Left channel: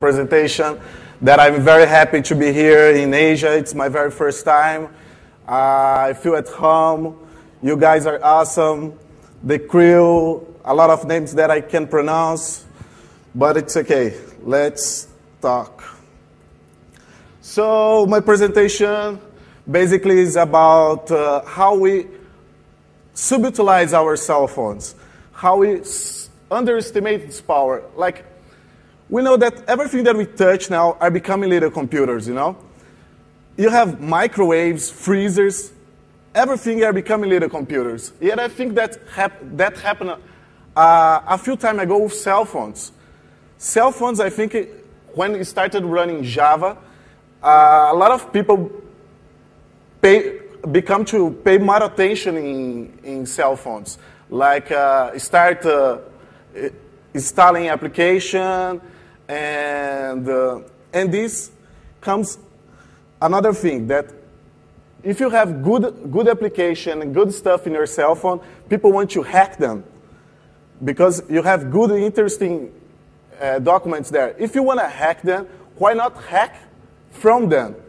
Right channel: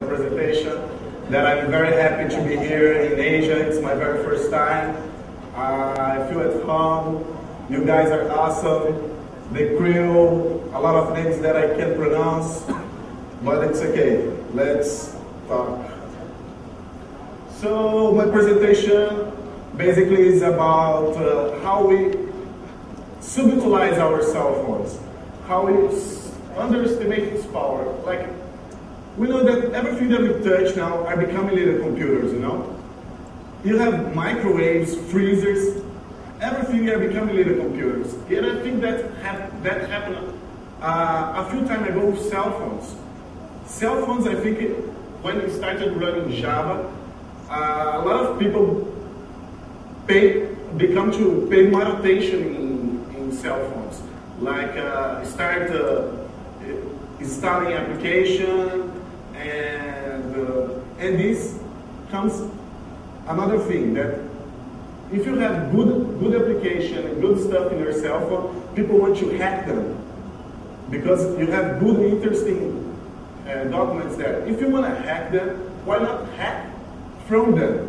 presentation, that I'm very happy to be here in Asia. It's my very first time. I feel at home. You guys are awesome. The crew, a lot of names that I can't pronounce, but it's okay. Let's talk. So my presentation basically is about how we subutilize our cell phones, how we underestimate its power. Like, we know that everything that we touch now are becoming little computers, you know? You have microwaves, freezers, everything are becoming little computers. Yet I think that happened a few time ago with cell phones. Cell phones, I think, when it started running Java, a lot of people become to pay more attention in cell phones. Like start installing application, and this comes another thing, that if you have good application, good stuff in your cell phone, people want to hack them because you have good, interesting documents there. If you want to hack them, why not hack from them?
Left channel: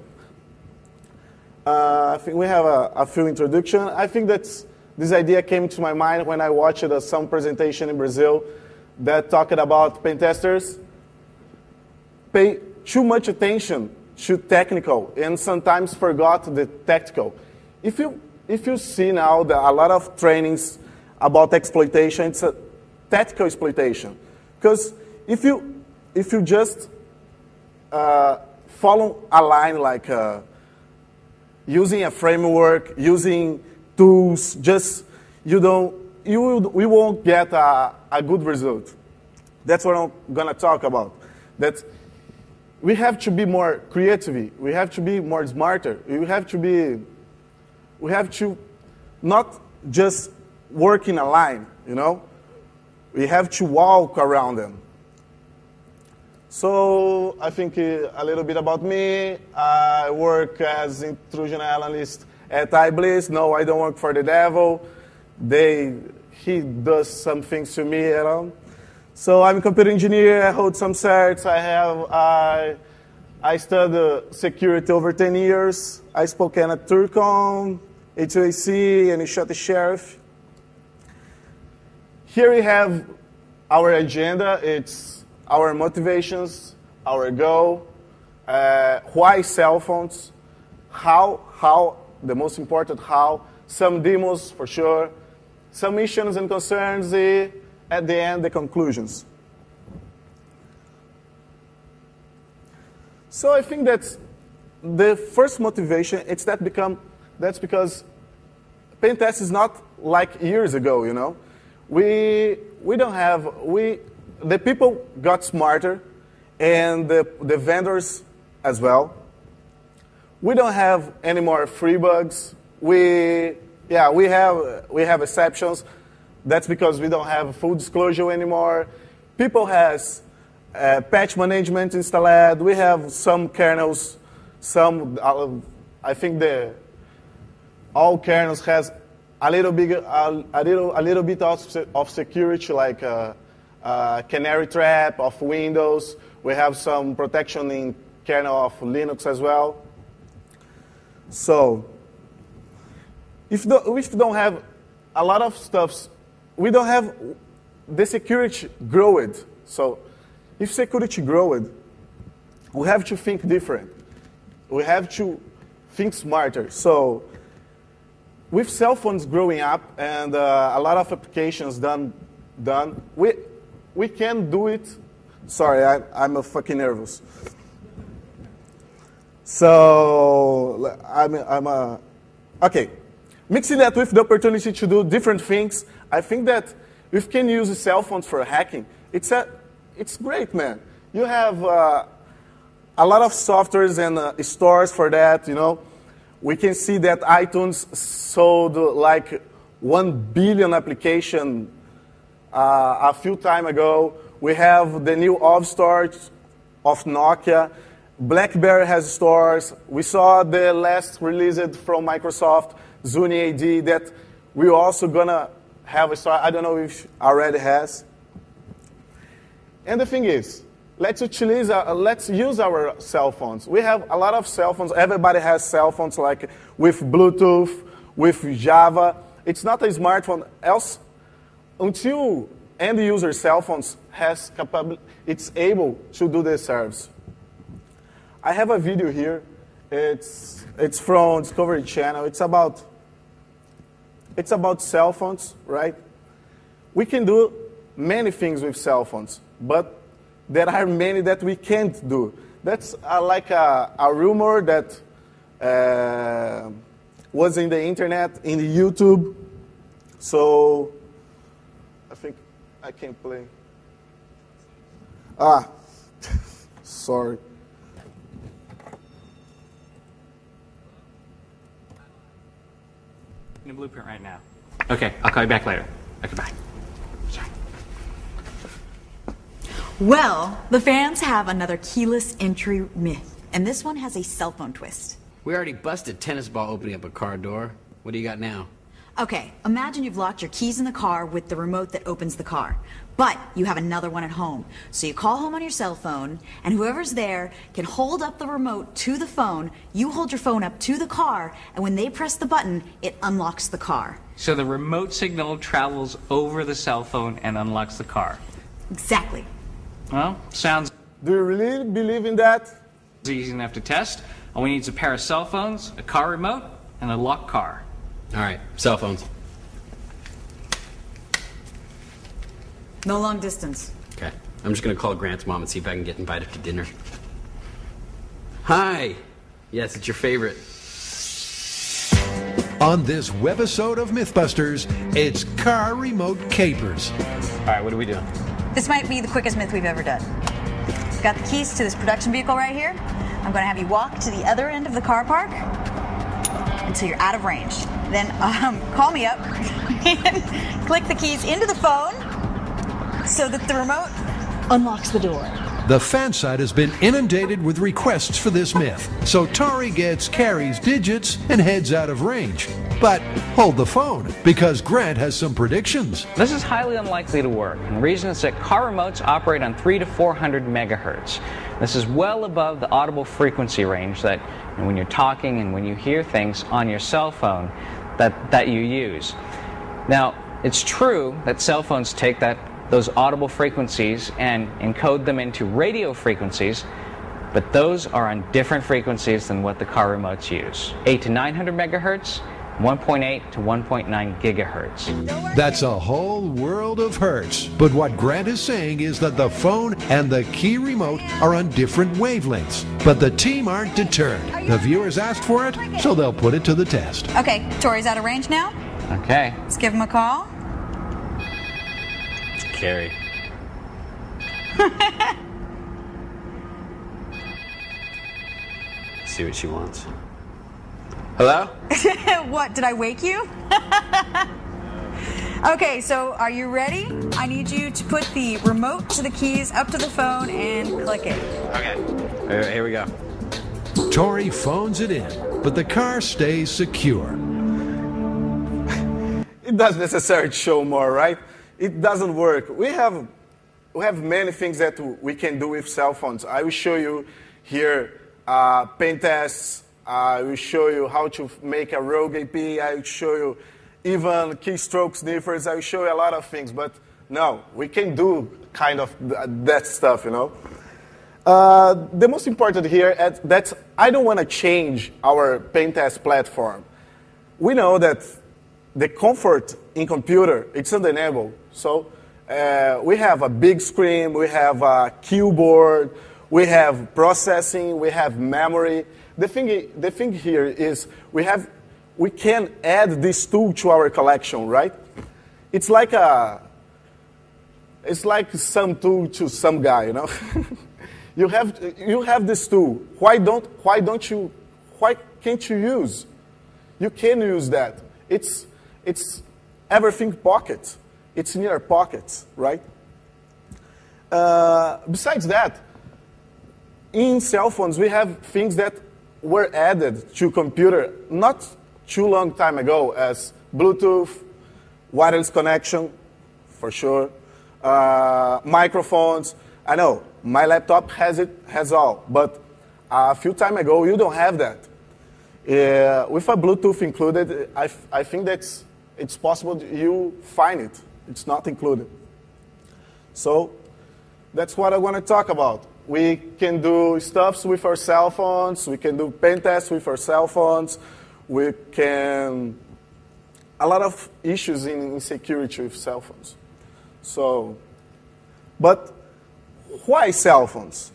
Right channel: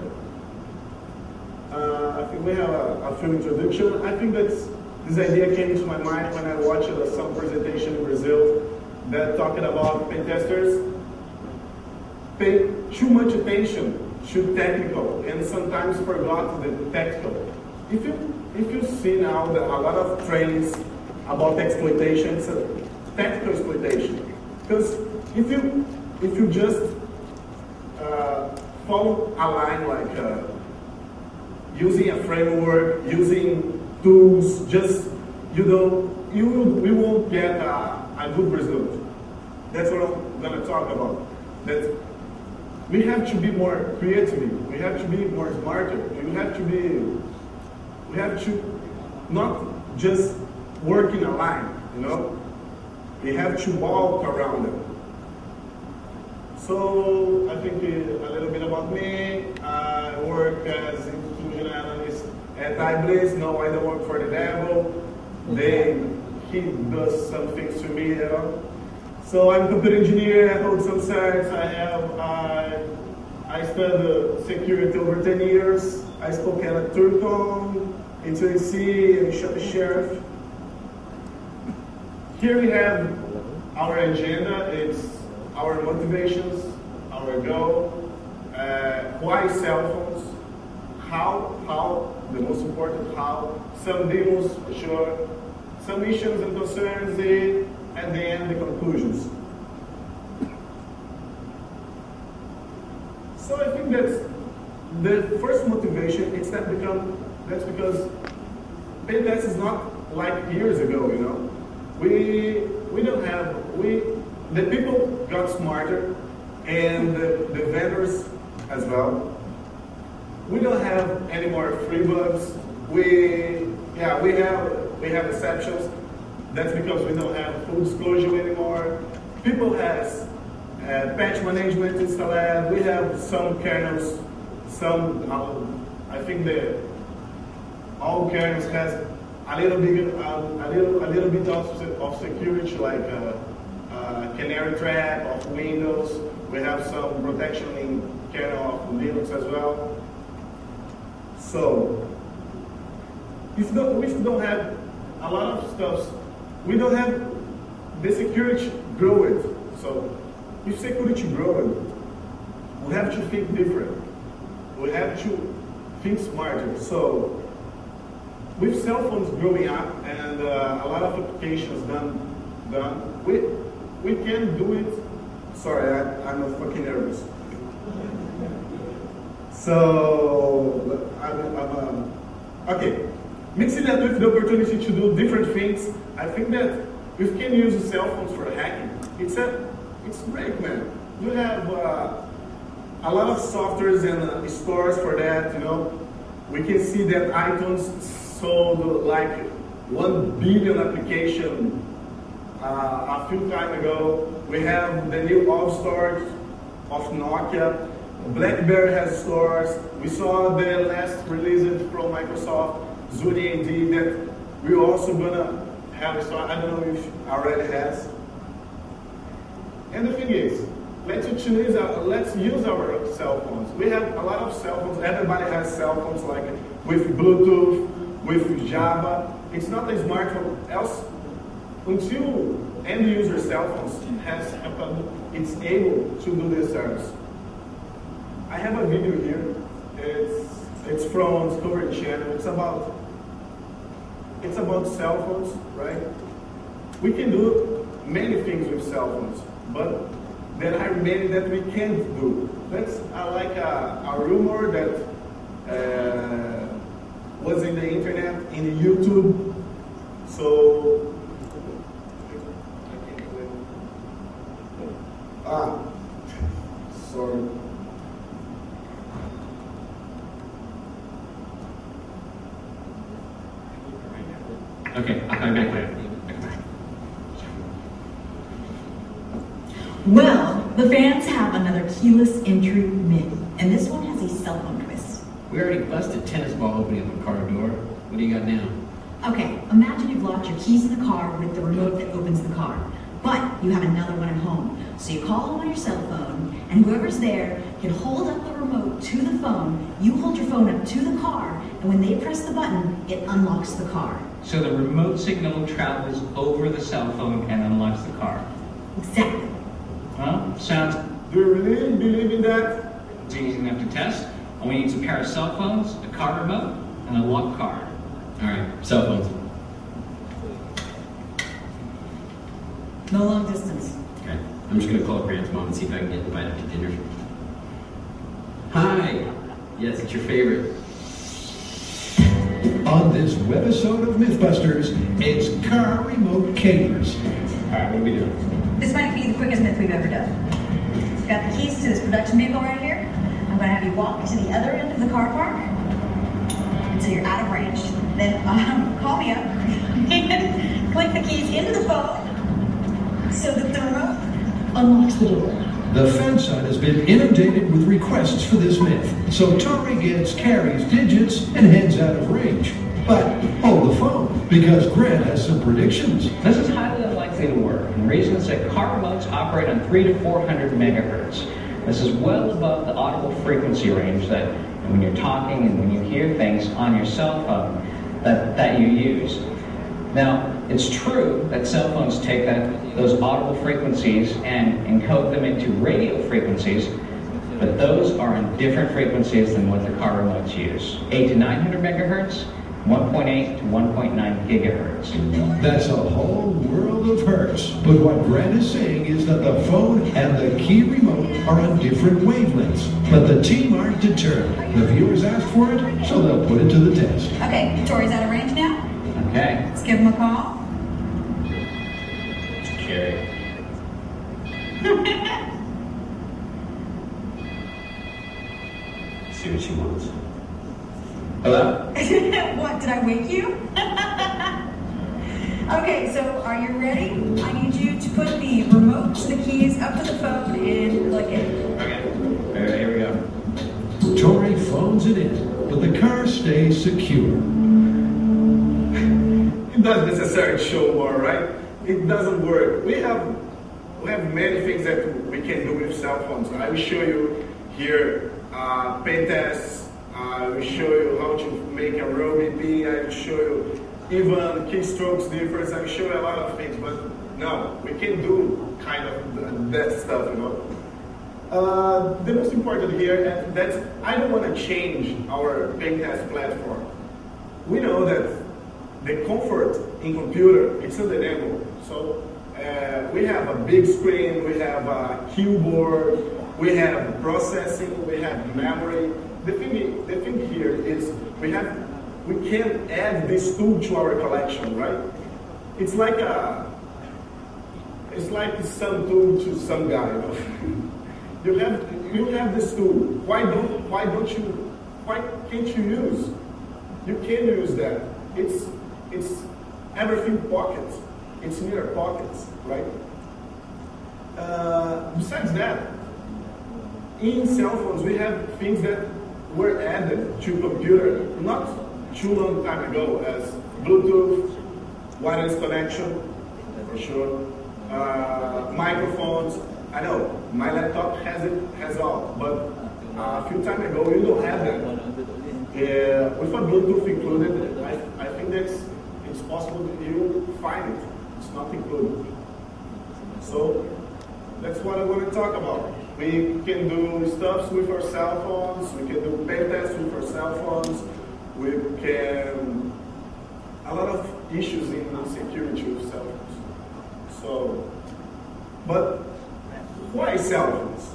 I think we have a few introductions. I think that this idea came to my mind when I watched some presentation in Brazil that talked about pen testers pay too much attention to technical and sometimes forgot the tactical. If you see now a lot of trainings about exploitation, it's a tactical exploitation. Because if you just follow a line like using a framework, using tools, we won't get a good result. That's what I'm gonna talk about. That we have to be more creative. We have to be more smarter. We have to not just work in a line, you know? We have to walk around it. So I think a little bit about me. I work as intrusion analyst at iBliss. No, I don't work for the devil. He does some things to me, you know. So I'm a computer engineer. I hold some certs. I studied security over 10 years. I spoke at Turcom, HOAC, and shot the sheriff. Here we have our agenda. It's our motivations, our goal, why cell phones, how, the most important how, some demos for sure, some missions and concerns, at the end, the conclusions. So I think that the first motivation is that's because pen test is not like years ago, you know. The people got smarter, and the vendors as well. We don't have any more free bugs. We have exceptions. That's because we don't have full disclosure anymore. People has patch management installed. We have some kernels. I think all kernels has a little bit of security, like canary trap of Windows. We have some protection in kernel of Linux as well. So if we don't have a lot of stuff, we don't have the security growing. So if security growing, we have to think different. We have to think smarter. So with cell phones growing up and a lot of applications done, we can do it. Sorry, I'm fucking nervous. So okay. Mixing that with the opportunity to do different things, I think that we can use a cell phone for hacking. It's great, man. You have a lot of softwares and stores for that, you know. We can see that iTunes sold like 1 billion application a few time ago. We have the new App Store of Nokia. BlackBerry has stores. We saw the last release from Microsoft, Zuni AD, that we're also gonna have a store. I don't know if already has. And the thing is, let's use our cell phones. We have a lot of cell phones. Everybody has cell phones, like with Bluetooth, with Java. It's not a smartphone. Else, until end user cell phones has capability, it's able to do this service. I have a video here. It's from Discovery Channel. It's about cell phones, right? We can do many things with cell phones, but there are many that we can't do. That's like a rumor that was in the internet, in the YouTube. So I think I can't click. Sorry. Move it right now. Okay, I'll call you back later. Okay, bye. Sorry. Well, the fans have another keyless entry myth, and this one has a cell phone twist. We already busted tennis ball opening up a car door. What do you got now? Okay, imagine you've locked your keys in the car with the remote that opens the car, but you have another one at home. So you call home on your cell phone, and whoever's there can hold up the remote to the phone, you hold your phone up to the car, and when they press the button, it unlocks the car. So the remote signal travels over the cell phone and unlocks the car. Exactly. Well, sounds Do you really believe in that? easy enough to test. All we need is a pair of cell phones, a car remote, and a locked car. All right, cell phones. No long distance. Okay, I'm just gonna call Grant's mom and see if I can get invited to dinner. Hi. Yes, it's your favorite. On this webisode of Mythbusters, it's car remote capers. All right, what are we doing? This might be the quickest myth we've ever done. Got the keys to this production vehicle right here. I'm going to have you walk to the other end of the car park until you're out of range. Then call me up, click the keys into the phone so that the remote unlocks the door. The fan site has been inundated with requests for this myth, so Tori gets Carrie's digits and heads out of range. But hold the phone, because Grant has some predictions. This is highly unlikely to work. The reason is that car remotes operate on 300 to 400 megahertz. This is well above the audible frequency range that when you're talking and when you hear things on your cell phone that you use. Now, it's true that cell phones take those audible frequencies and encode them into radio frequencies, but those are on different frequencies than what the car remotes use. 800 to 900 megahertz, 1.8 to 1.9 gigahertz. That's a whole world of hertz. But what Grant is saying is that the phone and the key remote are on different wavelengths. But the team aren't deterred. The viewers asked for it, so they'll put it to the test. Okay, Tori's out of range now. Okay. Let's give him a call. Carrie. See what she wants. Hello? What, did I wake you? Okay, so are you ready? I need you to put the remote to the keys up to the phone and click it. Okay. All right, here we go. Tori phones it in, but the car stays secure. It doesn't necessarily show more, right? It doesn't work. We have many things that we can do with cell phones. I will show you here pen tests. I will show you how to make a road BP. I will show you even keystroke sniffers. I will show you a lot of things. But no, we can do kind of that stuff, you know. The most important here is that I don't want to change our pen test platform. We know that the comfort in computer, it's undeniable. So we have a big screen, we have a keyboard, we have processing, we have memory. The thing here is we can add this tool to our collection, right? It's like some tool to some guy, you know. you have this tool. Why can't you use? You can use that. It's everything pockets. It's in your pockets, right? Besides that, in cell phones we have things that were added to computer not too long time ago, as Bluetooth, wireless connection, for sure, microphones. I know, my laptop has all, but a few time ago, you don't have that. With a Bluetooth included, I think it's possible you find it. It's not included. So that's what I want to talk about. We can do stuff with our cell phones. We can do pen tests with our cell phones. We can, a lot of issues in the security of cell phones. So, but why cell phones?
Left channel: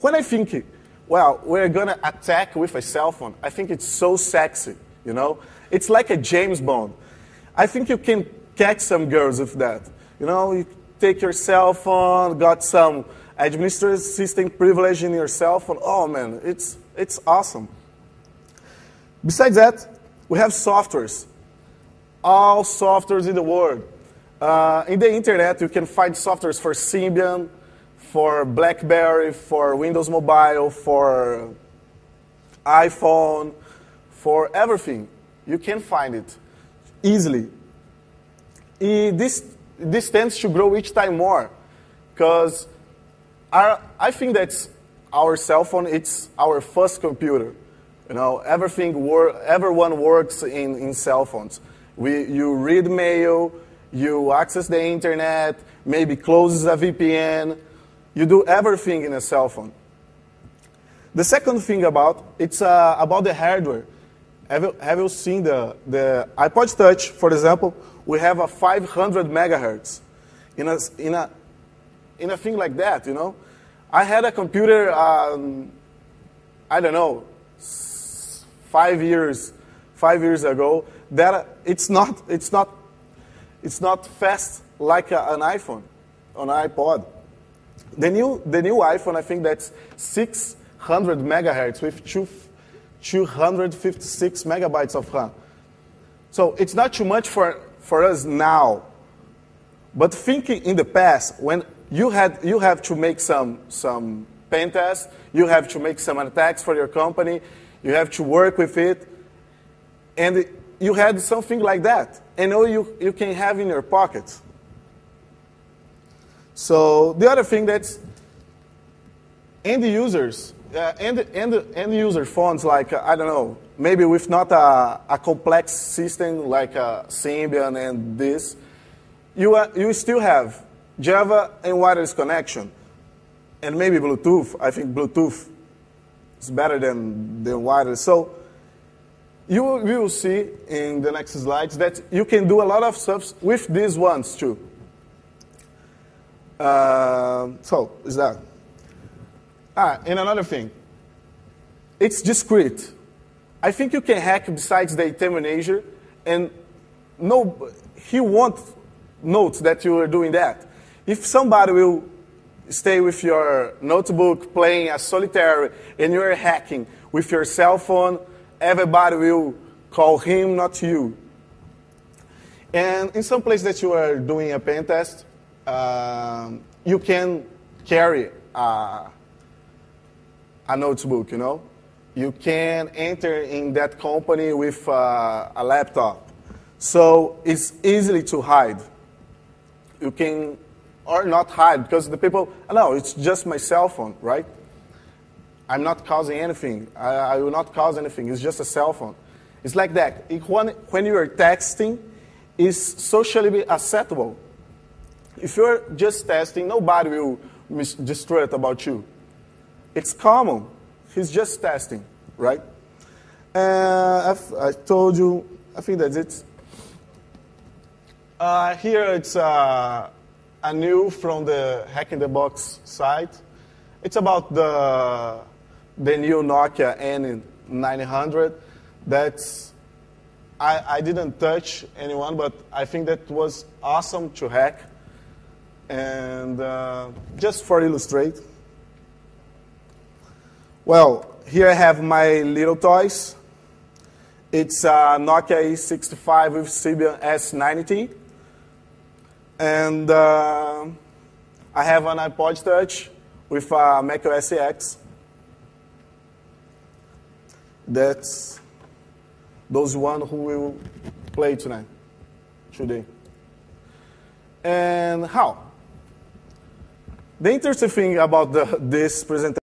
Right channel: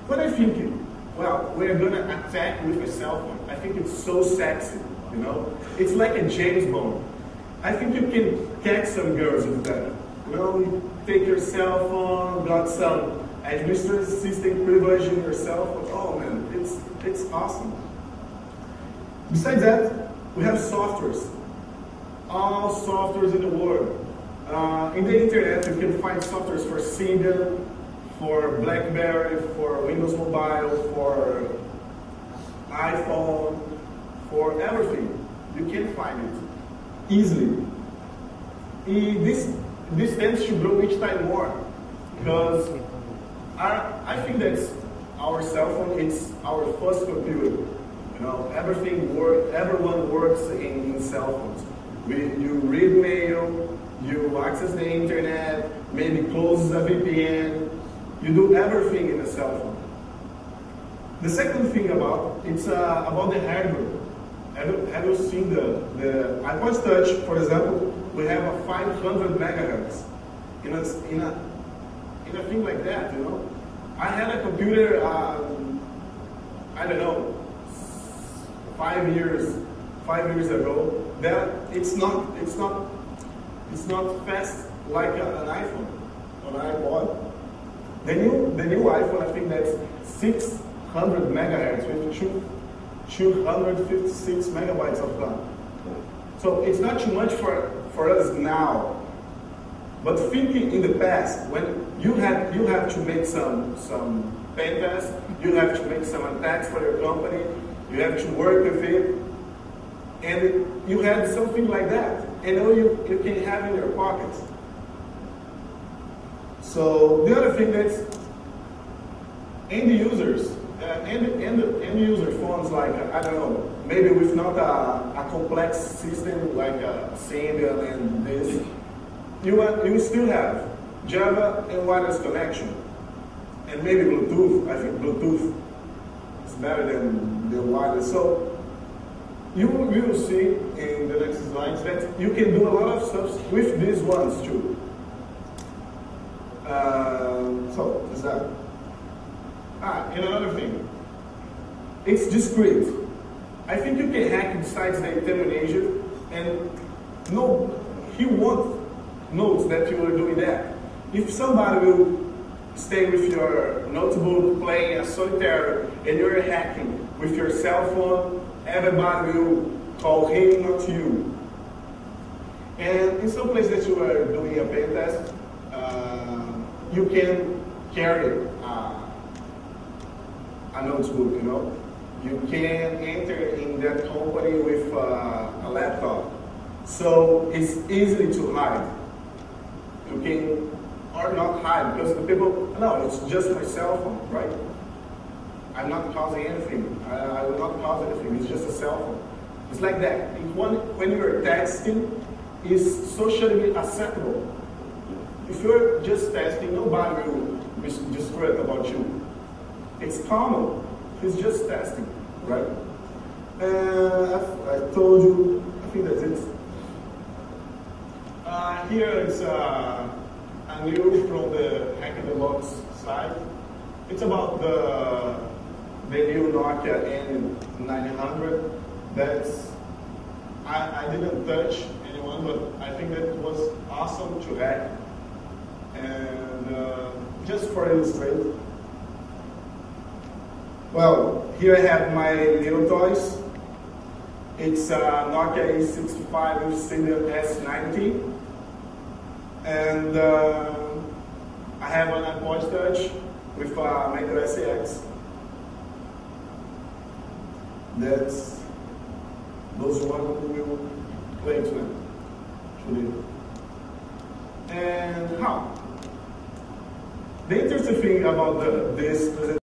When I think, well, we're going to attack with a cell phone, I think it's so sexy, you know? It's like a James Bond. I think you can catch some girls with that. You know, you take your cell phone, got some administrative system privilege in your cell phone. Oh man, it's awesome. Besides that, we have softwares. All softwares in the world. In the internet, you can find softwares for Symbian, for BlackBerry, for Windows Mobile, for iPhone, for everything. You can find it easily. This tends to grow each time more, because I think that our cell phone, it's our first computer. You know, everyone works in cell phones. You read mail, you access the internet, maybe closes a VPN. You do everything in a cell phone. The second thing about the hardware. Have you seen the iPod Touch, for example? We have a 500 megahertz in a thing like that, you know. I had a computer, I don't know, 5 years ago. That it's not fast like an iPhone, an iPod. The new iPhone, I think that's 600 megahertz with 256 megabytes of RAM. So it's not too much for us now. But thinking in the past, when you have to make some pen tests, you have to make some attacks for your company, you have to work with it, and you had something like that, and now you can have in your pockets. So the other thing that's end users, end user phones, like I don't know, maybe with not a complex system like Symbian and this, you still have Java and wireless connection, and maybe Bluetooth. I think Bluetooth is better than the wireless. So you will see in the next slides that you can do a lot of stuff with these ones too. So is that? And another thing, it's discrete. I think you can hack besides the terminator, and he won't note that you are doing that. If somebody will stay with your notebook playing a solitaire and you're hacking with your cell phone, everybody will call him, not you. And in some place that you are doing a pen test, you can carry a notebook, you know. You can enter in that company with a laptop. So it's easy to hide. You can, or not hide, because the people, no, it's just my cell phone, right? I'm not causing anything. I will not cause anything. It's just a cell phone. It's like that. When you are texting, it's socially acceptable. If you're just testing, nobody will destroy it about you. It's common. He's just testing, right? I told you, I think that's it. Here it's a new from the Hack in the Box site. It's about the new Nokia N900. I didn't touch anyone, but I think that was awesome to hack. And just for illustrate, well, here I have my little toys. It's a Nokia E65 with Symbian S90. And I have an iPod Touch with macOS X. That's those one who will play tonight, today. And how? The interesting thing about this presentation